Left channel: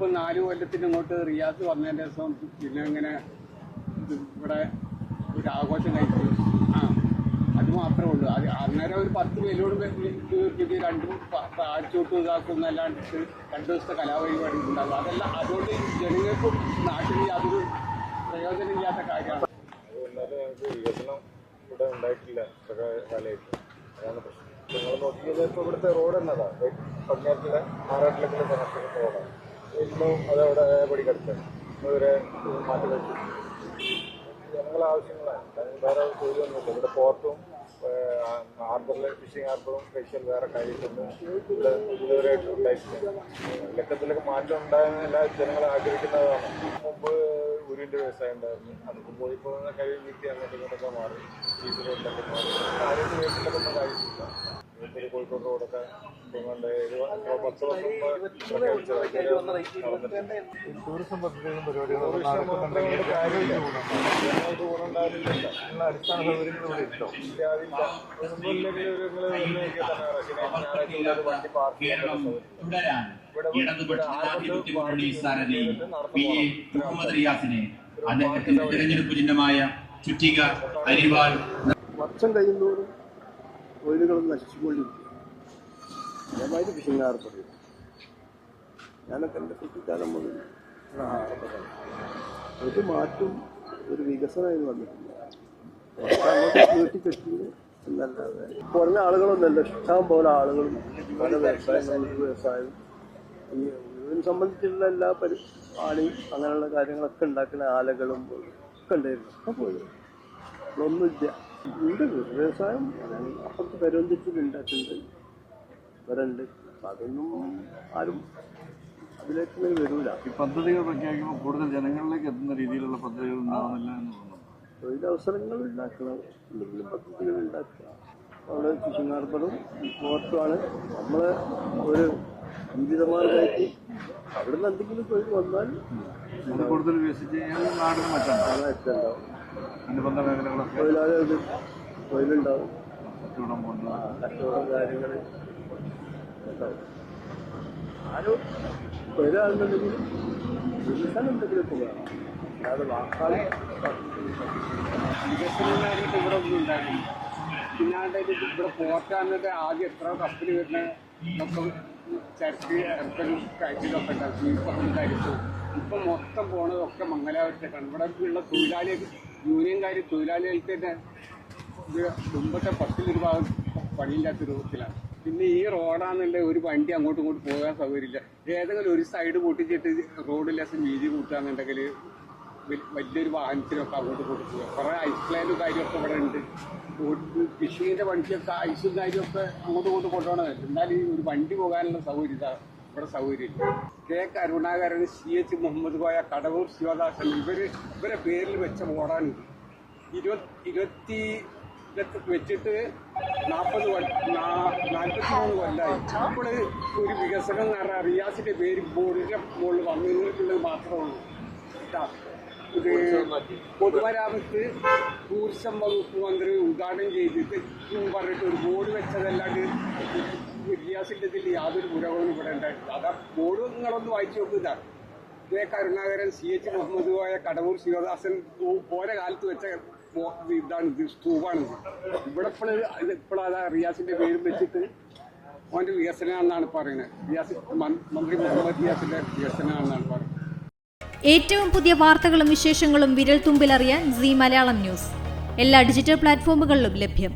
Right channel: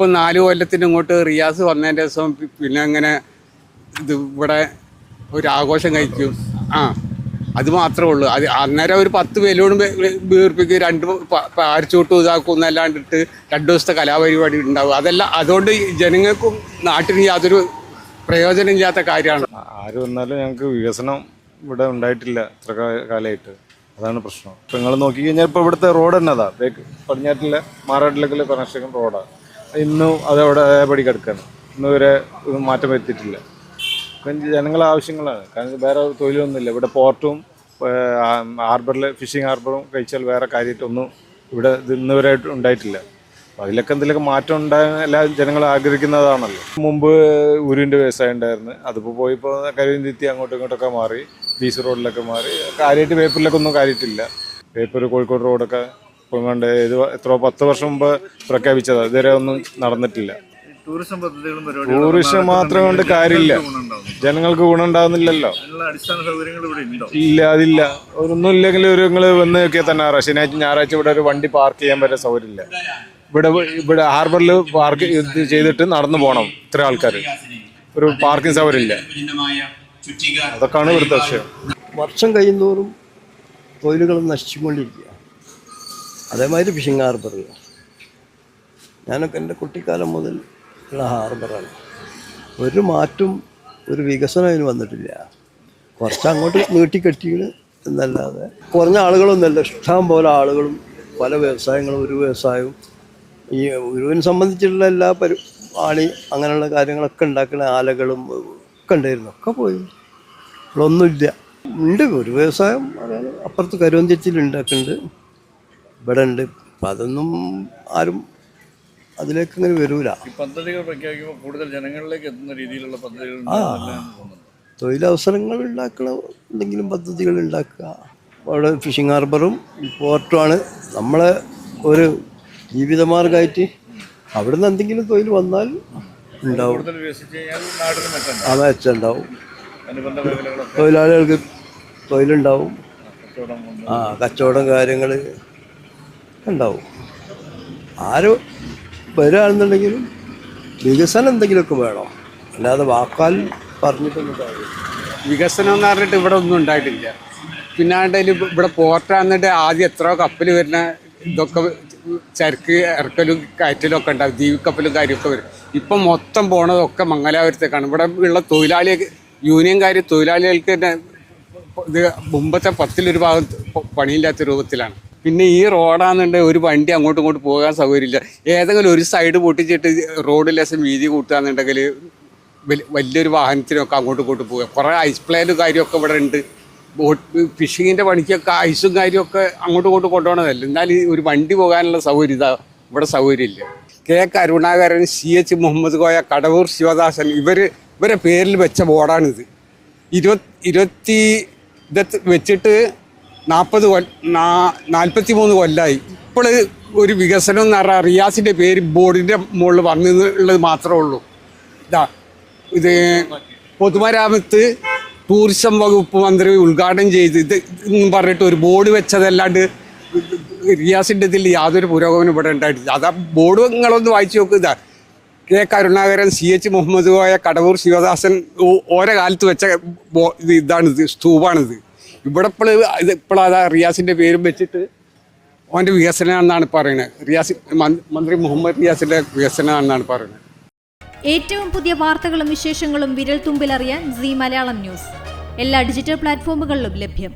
ഇപ്പം 4 കൊല്ലത്തിന് ഇങ്ങോട്ട് റിയാസ് വന്നതിൻ്റെ ദിവസം പിന്നെ അങ്ങനെ ഇത് ഇവിടെ ഒരു ആഘോഷം കഴിക്കും. അത് മാത്രമേ ഉള്ളൂ. അത് അന്നേരം ഒരു 10 ബലൂൺ വീർപ്പിക്കും, 2 പാരച്ചൂട്ടും ഇതാക്കും എന്നല്ലാണ്ടിട്ട് 2 ദിവസത്തെ കലാപരിപാടി ഉണ്ടാവും. അതെല്ലാം അതുകൊണ്ട് ജനങ്ങൾക്കും നാട്ടിനും യാതൊരു പ്രയോജനം ഇല്ലാത്ത കാര്യമാണ്. ആര് വന്നാലും ഞങ്ങൾക്ക് വികസനം ഇവിടെ ഉണ്ടായിട്ടില്ല ഇത്ര കാലമായിട്ട്. അതാണ് പ്രശ്നം. ഇപ്പം നിങ്ങൾ നോക്കിക്കഴിഞ്ഞാൽ ഇപ്പോൾ ഇവിടുത്തെ റോഡ് തന്നെ അതാ പടിഞ്ഞാറ്റിലെ മാറാട്ടിലേക്കുള്ള കണക്ഷൻ റോഡാണ്. ഇന്നും അതവിടെ അതേപടി കിടക്കുകയാണ്. ഇന്ന് വരെ മാറ്റം വരുത്തിയിട്ടില്ല. ഇപ്പം ജനങ്ങളെ ആവശ്യങ്ങളാണ്. കാരണം വേറെ തൊഴിലൊന്നുമില്ല. ഇവിടെ പോർട്ടും ഹാർബറിൽ ഫിഷിംഗ് ഹാർബറും കഴിച്ചാൽ വേറെ കാര്യമായിട്ടൊന്നും ഇവിടെ ഇന്ന് വരെ ഉണ്ടായിട്ടില്ല. അതിലൊക്കെ എന്തെങ്കിലുമൊക്കെ മാറ്റം ഉണ്ടാകാൻ എല്ലാ ജനങ്ങളും ആഗ്രഹിക്കുന്നതാണല്ലോ. മുമ്പ് ഉരുവിൻ്റെ വ്യവസായം ഉണ്ടായിരുന്നു. അതിപ്പോൾ പോയിപ്പോൾ കരുവന്തിത്തി അങ്ങോട്ടും ഇങ്ങോട്ടൊക്കെ മാറി, ബീച്ച് റോഡിലൊക്കെ മാറി. കാര്യമായിട്ട് വേപ്പൂരിലൊക്കെ ഒന്നും കാര്യമായിട്ടില്ല. വേപ്പൂർ കോഴിക്കോട് റോഡൊക്കെ ഇപ്പം കണ്ട് ഇത് എത്രയോ 10 വർഷം മുമ്പ് പ്രഖ്യാപിച്ചതാണ്. ഇതുവരെ ഒന്നും നടന്നിട്ടില്ല. ടൂറിസം മാത്രം കൊണ്ട് കാര്യമില്ല. ജനങ്ങൾക്ക് ഗുണം ഉണ്ടാകുന്നില്ലല്ലോ. ഇല്ല, അതില്ല. ഒന്നും ഇല്ലെങ്കിൽ നിങ്ങൾ വന്ന് നോക്കിയാൽ തന്നെ ശനിയാഴ്ച ഞായറാഴ്ച ഇവിടെ ഒരു വണ്ടി പാർക്ക് ചെയ്യാൻ വരെ സൗകര്യമില്ല. ഇവിടെ ഹാർബറിൽ പാർക്ക് ചെയ്തിട്ട് നടന്നു പോകണം. ഇത്ര ആൾക്കാർ, ഒരു പാർക്കിംഗ് സൗകര്യമില്ല. അതൊക്കെയാണ് ഇവിടുത്തെ വിഷയം. വർഷം കഴിയുന്നോറും തൊഴിലുകൾ നശിച്ചുകൊണ്ടിരിക്കുക. അതേമാതിരി ഫിഷിംഗ് ഹാർബർ, ഞാനൊക്കെ എൻ്റെ കുട്ടിക്കാലം മുതൽ ഉള്ള ഹാർബറാണ്. ഒരു മാറ്റം, ഒരു വികസനം അതിന് വന്നിട്ടില്ല. കുറച്ച് അങ്ങോട്ട് നീട്ടിക്കെട്ടിയാണ് എന്നല്ലാതെ കുറഞ്ഞ ആളുകളൊന്നുമല്ല. ഇഷ്ടം പോലെ ആളുകളും പല വ്യവസായങ്ങളും. ഒരു വ്യവസായവും ഈ ഉരുവിനെ സംബന്ധിച്ചിട്ടുള്ള എല്ലാ ആണി അങ്ങനെയുള്ള കാര്യങ്ങളൊക്കെ ഉണ്ടാക്കുന്ന ആലകളും ഒക്കെ ഉണ്ടായിരുന്നു. ഒക്കെ പോയി, ഒന്നുമില്ല. ഉണ്ട് ഒരു വ്യവസായം, അതായത് അപ്പുറത്ത് കരുവന്തിച്ചിൽ ഉണ്ടാക്കുന്നുണ്ട്, ഇവിടെ ഉണ്ട്. അപ്പം അതൊന്നും ആരും അതിലേക്ക് ഇങ്ങനെ വരൂല. ഈ പദ്ധതികൾ പ്രഖ്യാപിക്കുമ്പോൾ കൂടുതൽ ജനങ്ങളിലേക്ക് എത്തുന്ന രീതിയിലുള്ള പദ്ധതികൾ തൊഴിലവസരങ്ങൾ ഉണ്ടാക്കുന്ന എന്തെങ്കിലും പദ്ധതികൾ ഉണ്ടാക്കുക. അവിടെ ഫിഷിംഗ് ഹാർബറും പോർട്ടുമാണ് നമ്മളെ ഒരു ജീവിതമാർഗമായിട്ട്. അവിടെ നിന്ന് എന്തെങ്കിലും തൊഴിൽ വന്നാൽ ഉണ്ടാവും, മെച്ചമുണ്ടാവും. തൊഴിലാളികൾക്ക് തൊഴിലുണ്ടാവും, കച്ചവടം കാര്യങ്ങൾ ഉണ്ടാവും. ആര് വരികയാണെന്നുണ്ടെങ്കിലും വികസനം എന്തെങ്കിലുമൊക്കെ വേണം, അല്ലാതെ വാക്കാൽ പറഞ്ഞിട്ടൊന്നും കാര്യമില്ല. വികസനം എന്ന് പറഞ്ഞിട്ട് ഇവിടെ ഒന്നും ഉണ്ടായിട്ടില്ല. പിന്നെ ഇവിടെ പോർട്ടാന്നിട്ട് ആദ്യം എത്രയോ കപ്പൽ വരുന്ന ഇതൊക്കെ ചരക്ക് ഇറക്കലും കയറ്റലും ഒക്കെ ഉണ്ടാവും, ദ്വീപ് കാര്യമൊക്കെ വരും. ഇപ്പം മൊത്തം പോണതൊക്കെ മംഗലാപുരത്തേക്കാണ്. ഇവിടെ ഉള്ള യൂണിയൻകാർ തൊഴിലാളികൾക്ക് തന്നെ ഇത് മുമ്പത്തെ 10 ഭാഗം പണിയില്ലാത്ത രൂപത്തിലാണ്. പിന്നെ ഈ റോഡാണെന്നുണ്ടെങ്കിൽ ഒരു വണ്ടി അങ്ങോട്ടും ഇങ്ങോട്ടും പോകാൻ സൗകര്യമില്ല. ഏതെങ്കിലും ഒരു സൈഡ് പൊട്ടിച്ചിട്ട് റോഡ് ലേശം വീതി കൂട്ടുകയെന്നുണ്ടെങ്കിൽ വലിയൊരു വാഹനത്തിനൊക്കെ അങ്ങോട്ടും ഇങ്ങോട്ടും പോകുക. കുറേ ഐസ് പ്ലാനും കാര്യമൊക്കെ ഇവിടെ ഉണ്ട്. ഫിഷിങ്ങിൻ്റെ പണിക്കൊക്കെ ഐസും കാര്യമൊക്കെ അങ്ങോട്ടും ഇങ്ങോട്ടും കൊണ്ടുപോകണതല്ല. എന്നാലും ഒരു വണ്ടി പോകാനുള്ള സൗകര്യം ഇവിടെ സൗകര്യമില്ല. കെ കരുണാകരൻ, CH മുഹമ്മദ് കോയ, കടവൂർ ശിവദാസൻ ഇവരെ പേരിൽ വെച്ച ബോർഡാണിത്. 20 വെച്ചിട്ട് 43 കൊല്ലമായി. ഇപ്പോൾ ഒരു വികസനം എന്ന് പറഞ്ഞാൽ റിയാസിൻ്റെ പേര് ബോർഡിൻ്റെ മുകളിൽ വന്നുള്ളത് മാത്രമേ ഉള്ളൂ. ഇത് പൊതുമരാമത്ത് ടൂറിസം വകുപ്പ് മന്ത്രി ഉദ്ഘാടനം ചെയ്ത് ഇത് പറഞ്ഞിട്ട് ഒരു ബോർഡ് വെച്ചതല്ലാണ്ട് റിയാസിൻ്റെ ഇതിൽ യാതൊരു പുരോഗമനം ഇവിടെ ഉണ്ടായിട്ടില്ല. അതാ ബോർഡ് നിങ്ങളൊന്ന് വായിച്ചു നോക്കുക. കെ കരുണാകരൻ, CH മുഹമ്മദ് കോയ, കടവൂർ ശിവദാസൻ ഓരോ കാലത്ത് വെച്ച ഇതാണിത്, സ്തൂപാണിത്. ഇവിടെ ഇപ്പോഴതാ റിയാസിൻ്റെ പേരും വെച്ചിട്ട് അവൻ്റെ വികസനമാണെന്നാണ് പറയുന്നത്. മന്ത്രി മുഹമ്മദ് റിയാസിൻ്റെ വികസനമാണെന്നാണ് പറയുന്നത്. ഏറ്റവും പുതിയ വാർത്തകളും വിശേഷങ്ങളും വിരൽ തുമ്പിലറിയാൻ Zee മലയാളം ന്യൂസ് എല്ലാ ഡിജിറ്റൽ പ്ലാറ്റ്ഫോമുകളിലും ലഭ്യം.